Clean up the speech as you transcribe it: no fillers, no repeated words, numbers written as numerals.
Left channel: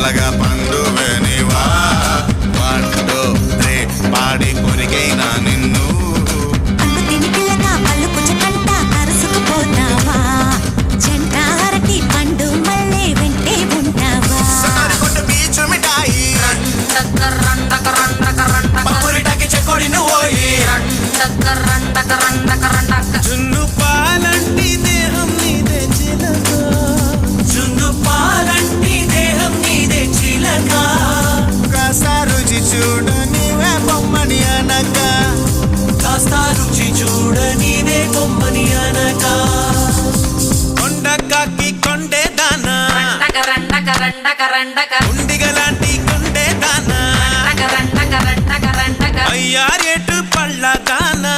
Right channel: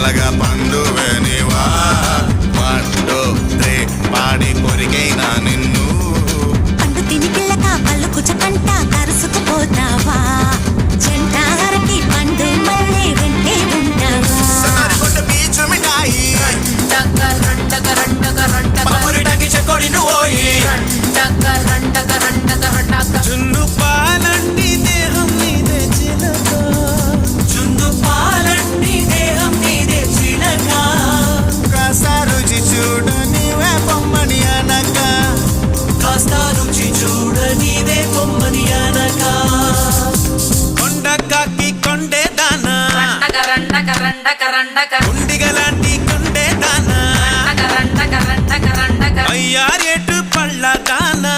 మెల్లగా పండువే నీవా 1 2 3 పాడి కొరికైనా నిన్ను పండు తిని పిల్లక పళ్ళు కుచకంట కరుసుకుపోతావా జంట అరటి పండు మళ్ళీ వెంటే ఉంటావా సనారికొండ బీచ్ మిఠాయి పప్పురిటాకి చెక్కోడి నువ్వోయి జున్ను పాలంటి దేహం నీదే చిలక జున్ను పాలంటి దేహం నీదే చిలక కాస్త రుచి చూడ నీవే బొమ్మని అనక కాస్త రుచి చూడ నీదే బొమ్మని అనక కొండకాకి కొండే దానా ఉండిగలాంటి కొండే దానా అయ్యారేటు పళ్ళ దానా